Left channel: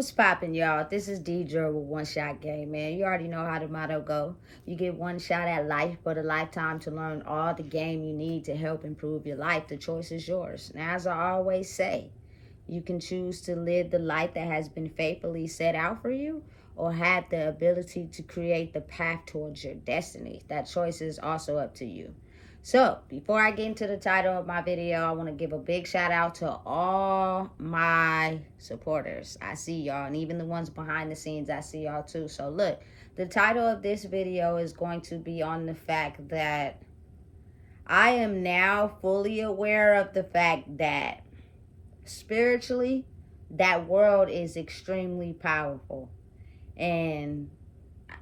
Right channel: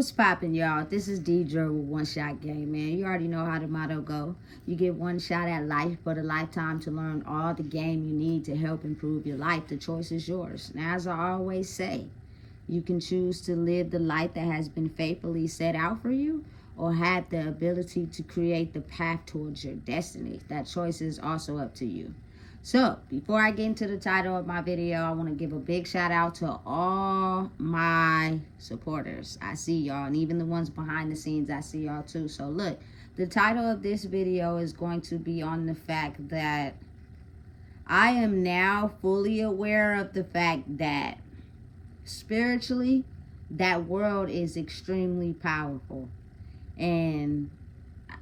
What's poppin', y'all? This is Deidre with One Shot Game, man. You already know how the motto go. You get one shot at life, but a lifetime to learn all the game you need to help improve your life. The choice is yours. Now, as I always say, you can choose to live the life that has been faithfully set out for you, or have the ability to create the path towards your destiny. That choice is also up to you. So, before I get into the title of my video, I want to give a big shout out to all my supporters. I see y'all, and even the ones behind the scenes, I see y'all too. So look, the title of this video is going to be on the fact that I am now fully aware of the fact that spiritually, that world is extremely powerful. And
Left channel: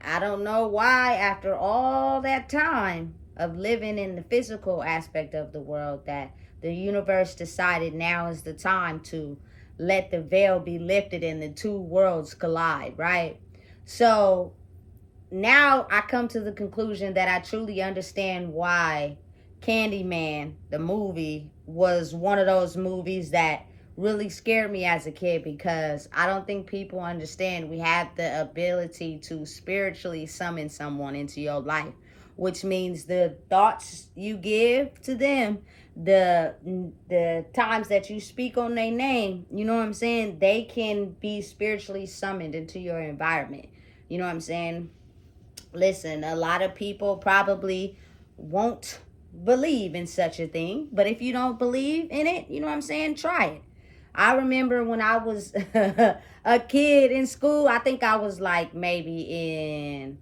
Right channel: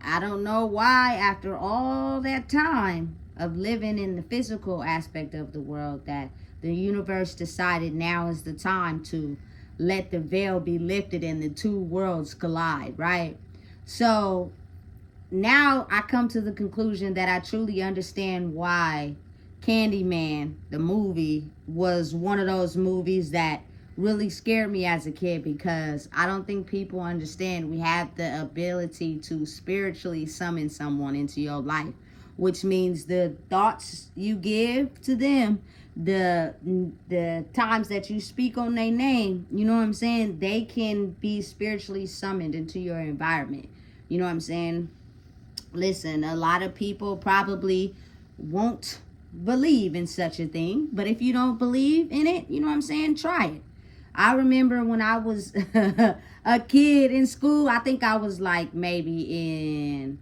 I don't know why, after all that time of living in the physical aspect of the world, that the universe decided now is the time to let the veil be lifted and the two worlds collide, right? So now I come to the conclusion that I truly understand why Candyman, the movie, was one of those movies that really scared me as a kid, because I don't think people understand we have the ability to spiritually summon someone into your life, which means the thoughts you give to them, the times that you speak on their name, you know what I'm saying, they can be spiritually summoned into your environment. You know what I'm saying? Listen, a lot of people probably won't believe in such a thing, but if you don't believe in it, you know what I'm saying, try it. I remember when I was a kid in school, I think I was like maybe in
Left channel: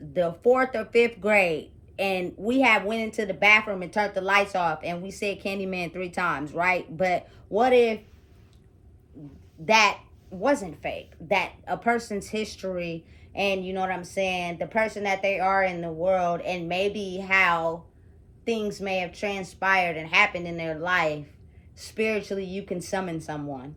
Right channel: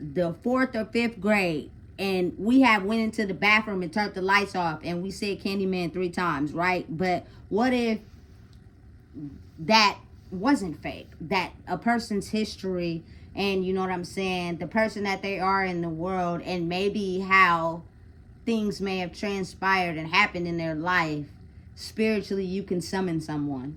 the 4th or 5th grade, and we had went into the bathroom and turned the lights off, and we said Candyman 3 times, right? But what if that wasn't fake? That a person's history, and you know what I'm saying, the person that they are in the world, and maybe how things may have transpired and happened in their life, spiritually you can summon someone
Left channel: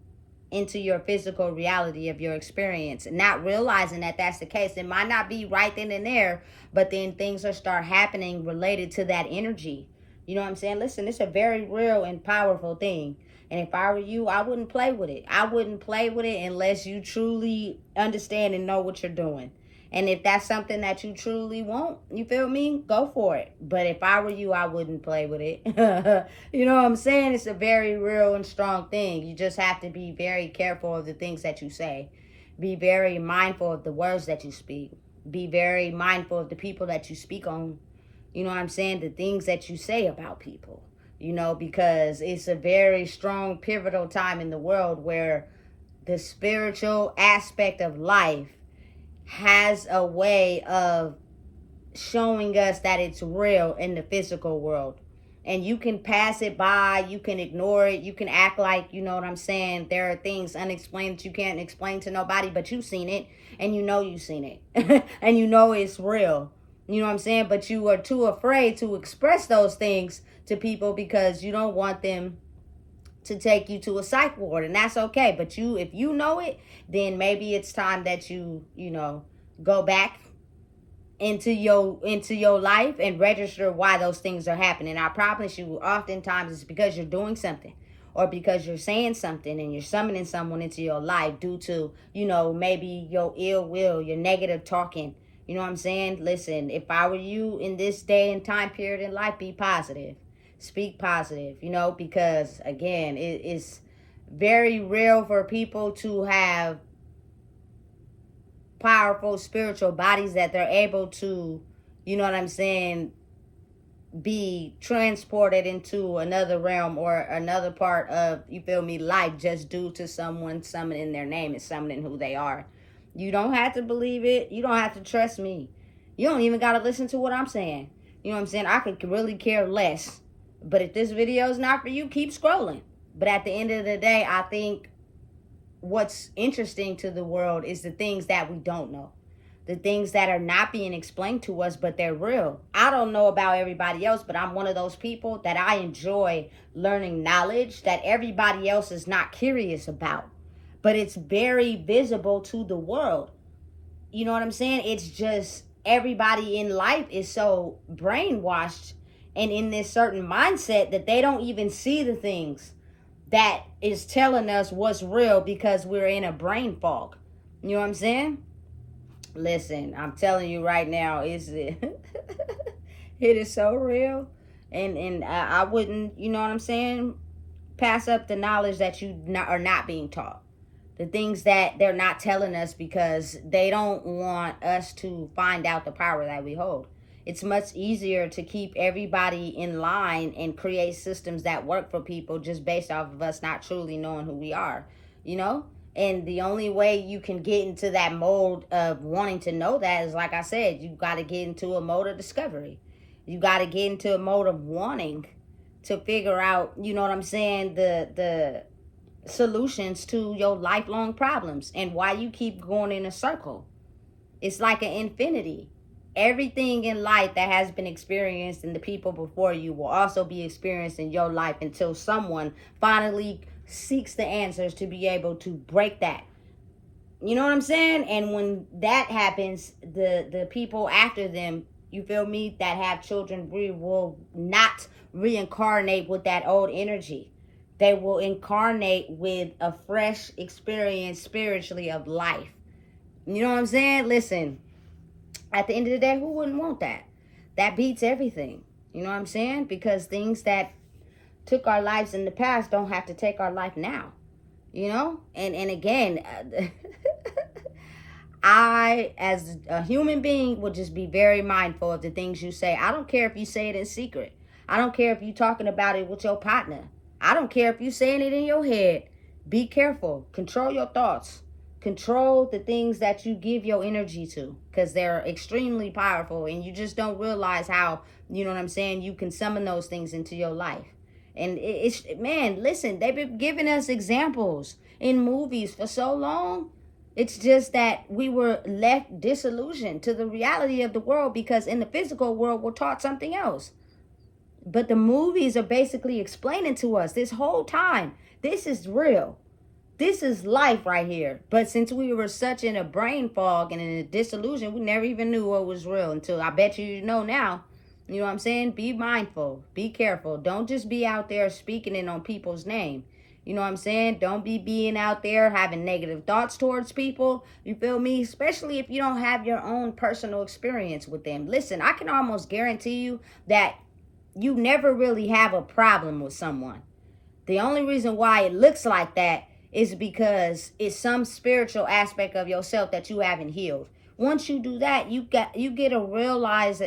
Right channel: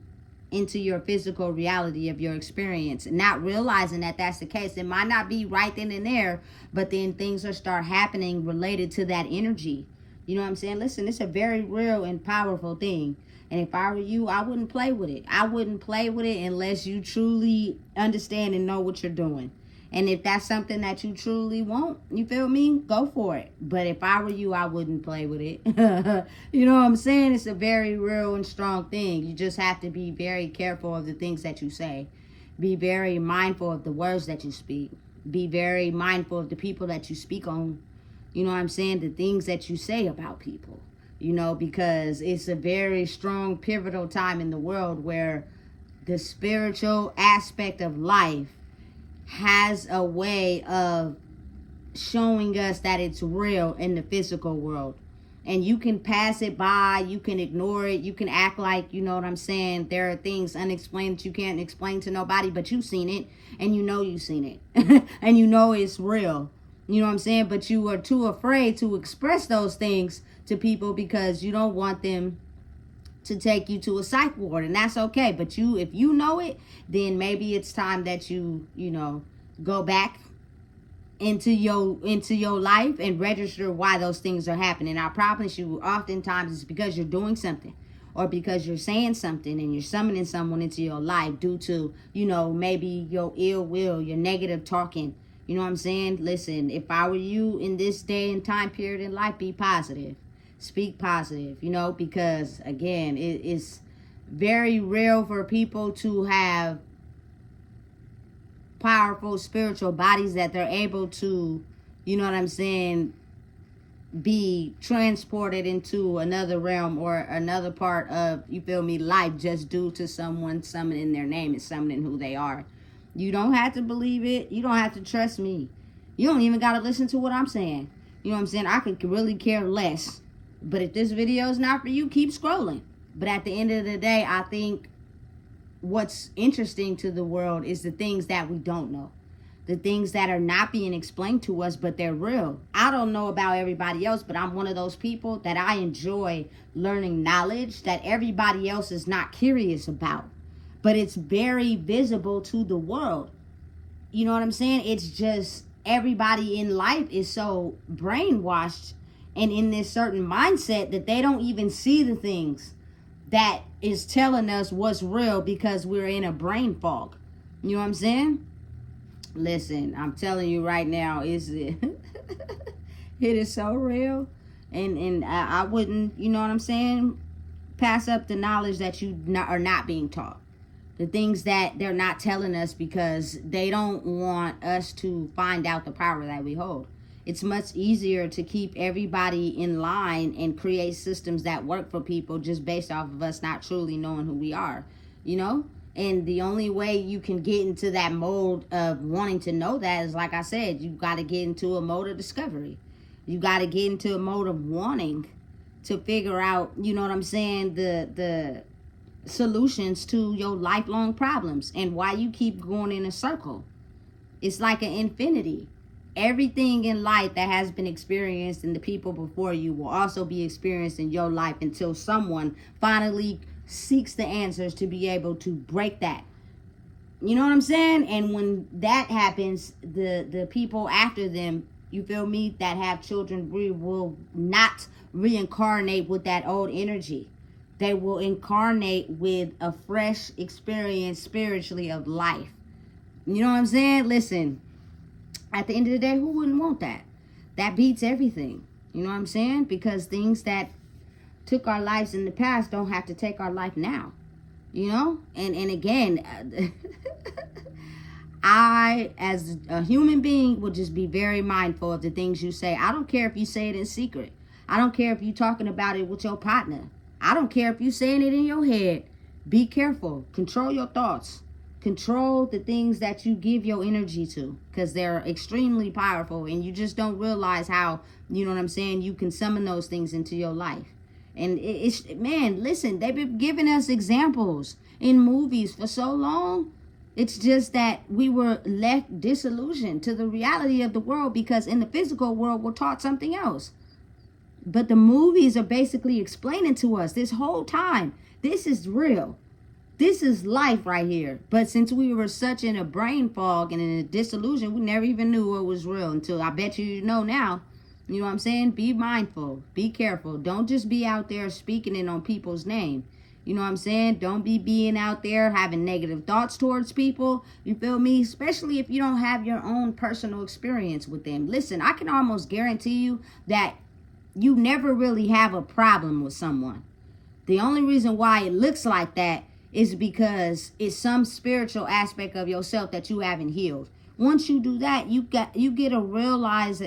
into your physical reality of your experience, not realizing that that's the case. It might not be right then and there, but then things will start happening related to that energy. You know what I'm saying? Listen, it's a very real and powerful thing. And if I were you, I wouldn't play with it. I wouldn't play with it unless you truly understand and know what you're doing. And if that's something that you truly want, you feel me? Go for it. But if I were you, I wouldn't play with it. You know what I'm saying? It's a very real and strong thing. You just have to be very careful of the things that you say. Be very mindful of the words that you speak. Be very mindful of the people that you speak on. You know what I'm saying? The things that you say about people. You know, because it's a very strong, pivotal time in the world where the spiritual aspect of life has a way of showing us that it's real in the physical world. And you can pass it by, you can ignore it, you can act like, you know what I'm saying, there are things unexplained that you can't explain to nobody, but you've seen it, and you know you've seen it, and you know it's real. You know what I'm saying? But you are too afraid to express those things to people because you don't want them to take you to a psych ward, and that's okay. But if you know it, then maybe it's time that you know, go back into your life and register why those things are happening. I promise you, oftentimes it's because you're doing something, or because you're saying something and you're summoning someone into your life due to, you know, maybe your ill will, your negative talking. You know what I'm saying? Listen, if I were you in this day and time period in life, be positive. Speak positive, you know, because again, it's very real for people to have powerful spiritual bodies that they're able to, you know what I'm saying, be transported into another realm or another part of, you feel me, life, just due to someone summoning their name and summoning who they are. You don't have to believe it. You don't have to trust me. You don't even got to listen to what I'm saying. You know what I'm saying? I could really care less. But if this video is not for you, keep scrolling. But at the end of the day, I think what's interesting to the world is the things that we don't know. The things that are not being explained to us, but they're real. I don't know about everybody else, but I'm one of those people that I enjoy learning knowledge that everybody else is not curious about. But it's very visible to the world. You know what I'm saying? It's just everybody in life is so brainwashed and in this certain mindset that they don't even see the things that is telling us what's real because we're in a brain fog. You know what I'm saying? Listen, I'm telling you right now, it is so real. And I wouldn't, you know what I'm saying, pass up the knowledge that you are not being taught. The things that they're not telling us because they don't want us to find out the power that we hold. It's much easier to keep everybody in line and create systems that work for people just based off of us not truly knowing who we are, you know? And the only way you can get into that mode of wanting to know that is, like I said, you got to get into a mode of discovery. You got to get into a mode of wanting to figure out, you know what I'm saying, the solutions to your lifelong problems and why you keep going in a circle. It's like an infinity. Everything in life that has been experienced in the people before you will also be experienced in your life until someone finally seeks the answers to be able to break that. You know what I'm saying? And when that happens, the people after them, you feel me, that have children, we will not reincarnate with that old energy. They will incarnate with a fresh experience spiritually of life. You know what I'm saying? Listen, at the end of the day, who wouldn't want that? That beats everything. You know what I'm saying? Because things that took our lives in the past don't have to take our life now. You know? And again, I, as a human being, will just be very mindful of the things you say. I don't care if you say it in secret. I don't care if you're talking about it with your partner. I don't care if you're saying it in your head. Be careful. Control your thoughts. Control the things that you give your energy to, because they're extremely powerful and you just don't realize how, you know what I'm saying, you can summon those things into your life. And it's, man, listen, they've been giving us examples in movies for so long. It's just that we were left disillusioned to the reality of the world because in the physical world, we're taught something else. But the movies are basically explaining to us this whole time, this is real. This is life right here. But since we were such in a brain fog and in a disillusion, we never even knew what was real until I bet you know now. You know what I'm saying? Be mindful. Be careful. Don't just be out there speaking it on people's name. You know what I'm saying? Don't be being out there having negative thoughts towards people. You feel me? Especially if you don't have your own personal experience with them. Listen, I can almost guarantee you that you never really have a problem with someone. The only reason why it looks like that is because it's some spiritual aspect of yourself that you haven't healed. Once you do that, you get a realize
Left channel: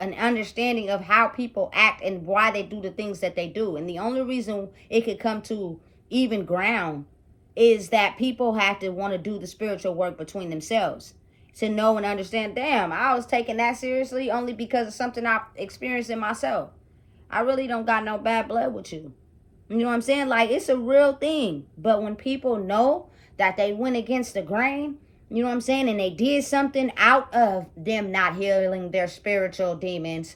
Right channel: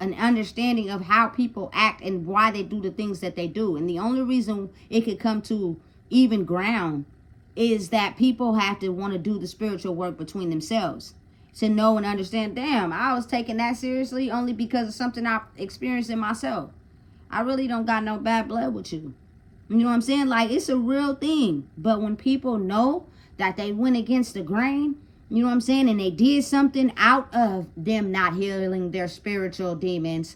an understanding of how people act and why they do the things that they do. And the only reason it could come to even ground is that people have to want to do the spiritual work between themselves to know and understand, damn, I was taking that seriously only because of something I experienced in myself. I really don't got no bad blood with you. You know what I'm saying? Like, it's a real thing. But when people know that they went against the grain, you know what I'm saying, and they did something out of them not healing their spiritual demons,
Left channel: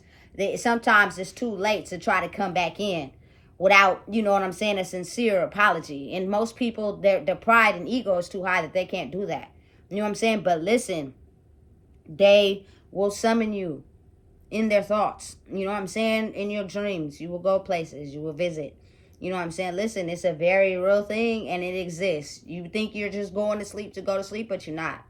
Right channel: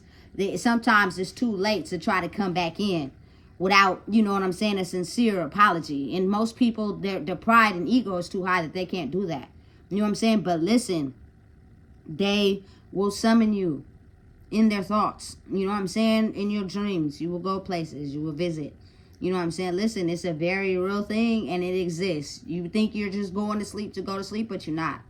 sometimes it's too late to try to come back in without, you know what I'm saying, a sincere apology. And most people, their pride and ego is too high that they can't do that. You know what I'm saying? But listen, they will summon you in their thoughts. You know what I'm saying? In your dreams. You will go places. You will visit. You know what I'm saying? Listen, it's a very real thing and it exists. You think you're just going to sleep to go to sleep, but you're not.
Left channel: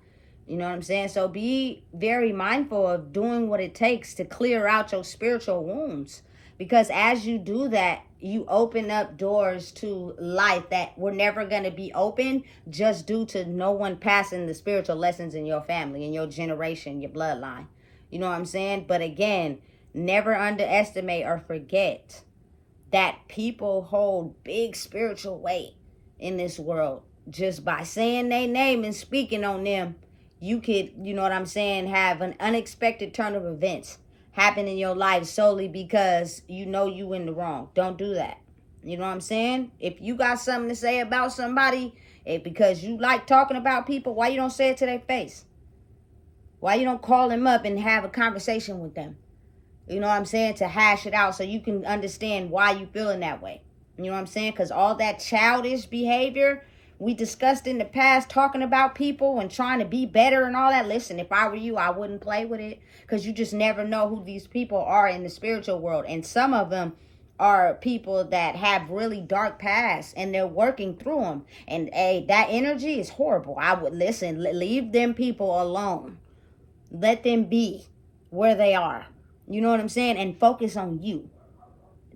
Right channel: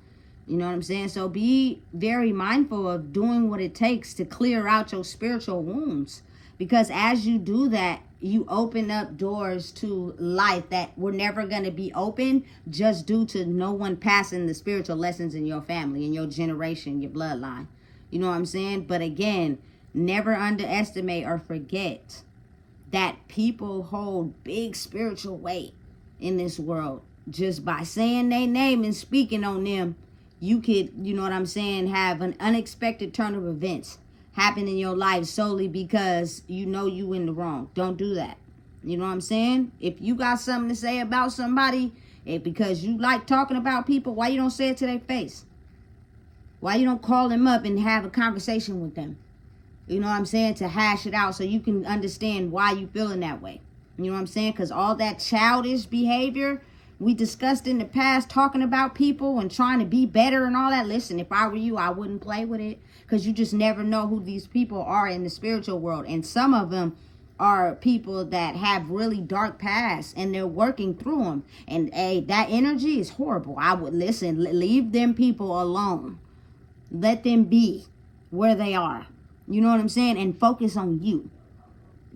You know what I'm saying? So be very mindful of doing what it takes to clear out your spiritual wounds. Because as you do that, you open up doors to life that were never going to be open just due to no one passing the spiritual lessons in your family, in your generation, your bloodline. You know what I'm saying? But again, never underestimate or forget that people hold big spiritual weight in this world. Just by saying their name and speaking on them, you could, you know what I'm saying, have an unexpected turn of events happen in your life solely because you know you in the wrong. Don't do that. You know what I'm saying? If you got something to say about somebody, because you like talking about people, why you don't say it to their face? Why you don't call them up and have a conversation with them? You know what I'm saying? To hash it out so you can understand why you feeling that way. You know what I'm saying? Because all that childish behavior we discussed in the past, talking about people and trying to be better and all that. Listen, if I were you, I wouldn't play with it. Because you just never know who these people are in the spiritual world. And some of them are people that have really dark pasts and they're working through them. And hey, that energy is horrible. I would listen, leave them people alone. Let them be where they are. You know what I'm saying? And focus on you.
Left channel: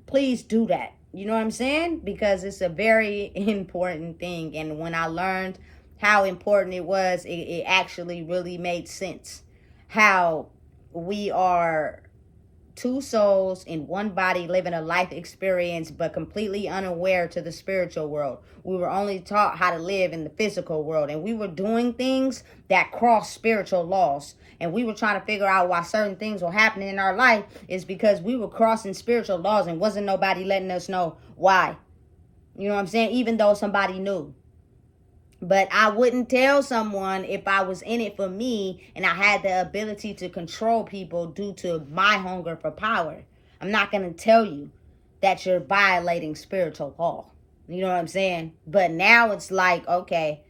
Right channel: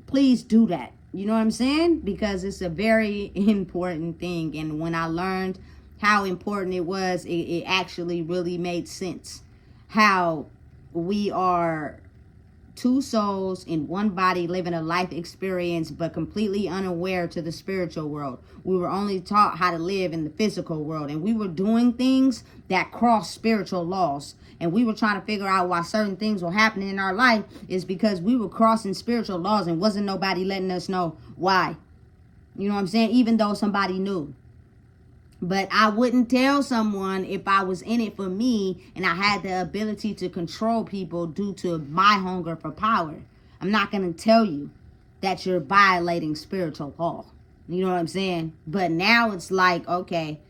Please do that. You know what I'm saying? Because it's a very important thing. And when I learned how important it was, it actually really made sense. How we are two souls in one body living a life experience, but completely unaware to the spiritual world. We were only taught how to live in the physical world, and we were doing things that cross spiritual laws. And we were trying to figure out why certain things were happening in our life is because we were crossing spiritual laws and wasn't nobody letting us know why. You know what I'm saying? Even though somebody knew. But I wouldn't tell someone if I was in it for me and I had the ability to control people due to my hunger for power. I'm not going to tell you that you're violating spiritual law. You know what I'm saying? But now it's like, okay,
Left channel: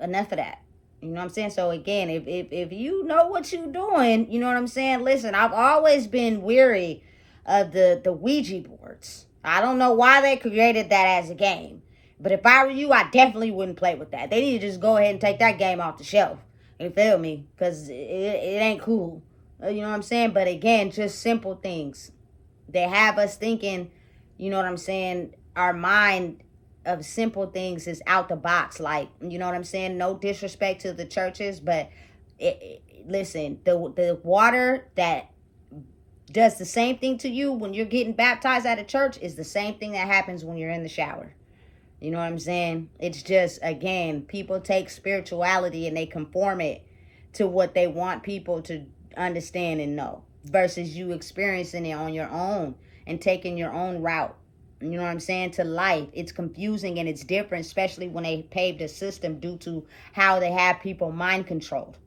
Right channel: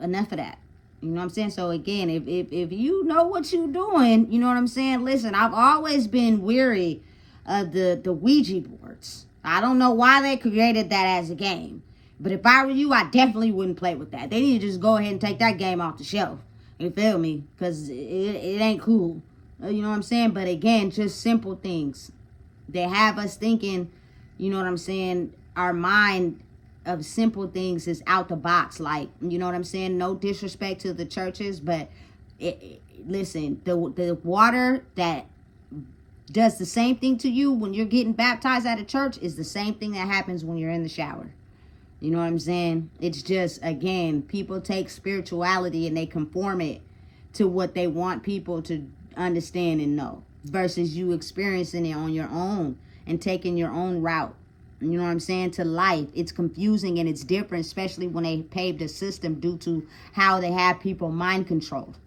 enough of that. You know what I'm saying? So again, if you know what you're doing, you know what I'm saying? Listen, I've always been weary of the Ouija boards. I don't know why they created that as a game. But if I were you, I definitely wouldn't play with that. They need to just go ahead and take that game off the shelf. You feel me? Because it ain't cool. You know what I'm saying? But again, just simple things. They have us thinking, you know what I'm saying, our mind of simple things is out the box. Like, you know what I'm saying? No disrespect to the churches, but listen, the water that does the same thing to you when you're getting baptized at a church is the same thing that happens when you're in the shower. You know what I'm saying? It's just, again, people take spirituality and they conform it to what they want people to understand and know versus you experiencing it on your own and taking your own route. You know what I'm saying? To life. It's confusing and it's different, especially when they paved a system due to how they have people mind controlled.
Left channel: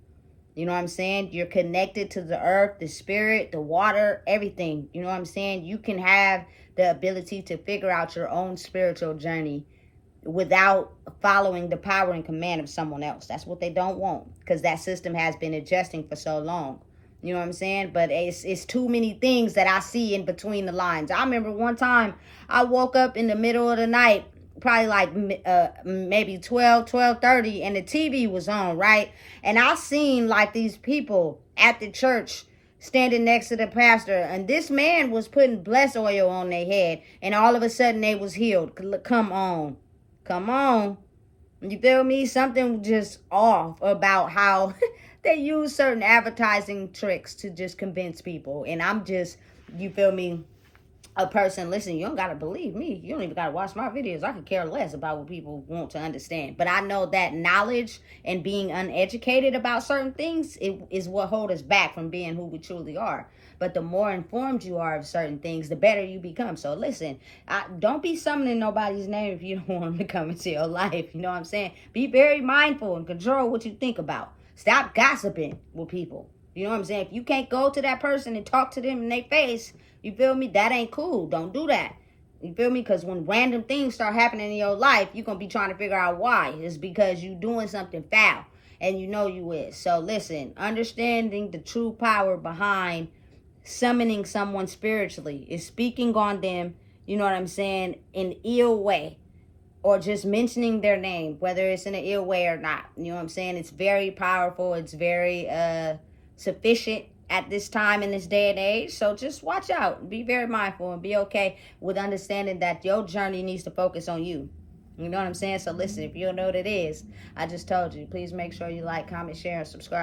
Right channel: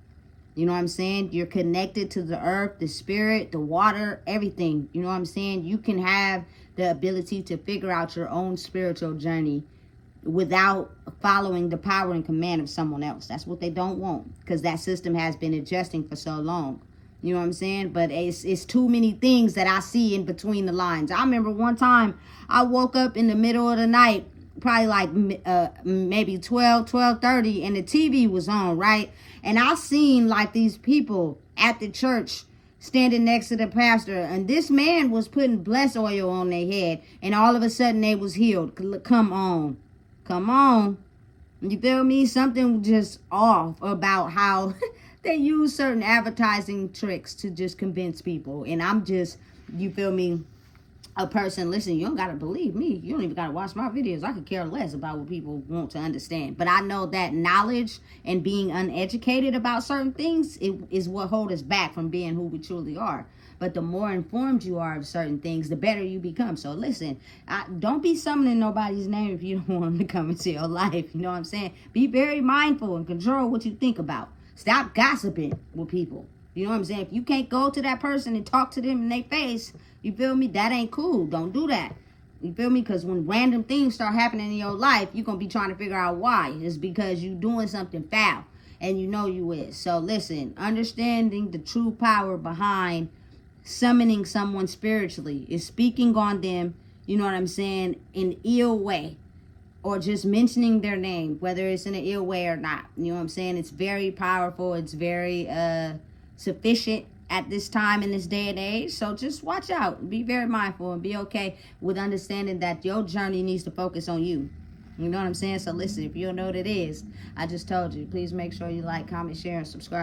You know what I'm saying? You're connected to the earth, the spirit, the water, everything. You know what I'm saying? You can have the ability to figure out your own spiritual journey without following the power and command of someone else. That's what they don't want, because that system has been adjusting for so long. You know what I'm saying? But it's too many things that I see in between the lines. I remember one time I woke up in the middle of the night, probably like maybe 12:30, and the TV was on, right? And I seen like these people at the church standing next to the pastor, and this man was putting bless oil on their head, and all of a sudden they was healed. Come on. You feel me? Something just off about how they use certain advertising tricks to just convince people. And I'm just, you feel me, a person, listen, you don't got to believe me. You don't even got to watch my videos. I could care less about what people want to understand. But I know that knowledge and being uneducated about certain things is what holds us back from being who we truly are. But the more informed you are of certain things, the better you become. So listen, don't be summoning nobody's name if you don't want them to come into your life. You know what I'm saying? Be very mindful and control what you think about. Stop gossiping with people. You know what I'm saying? If you can't go to that person and talk to them in their face, you feel me? That ain't cool. Don't do that. You feel me? Because when random things start happening in your life, you're going to be trying to figure out why. It's because you doing something foul. And you know you is. So listen, understanding the true power behind summoning someone spiritually is speaking on them, you know what I'm saying, in ill way. Or just mentioning their name, whether it's in an ill way or not. You know what I'm saying? It's very powerful. It's very sufficient at this time in this day and age. So just watch out. Be very mindful and be okay with understanding that your journey needs to focus on you. You know what I'm saying? So listen, if you don't know what it is, I just told you. Please make sure you like, comment, share, and subscribe.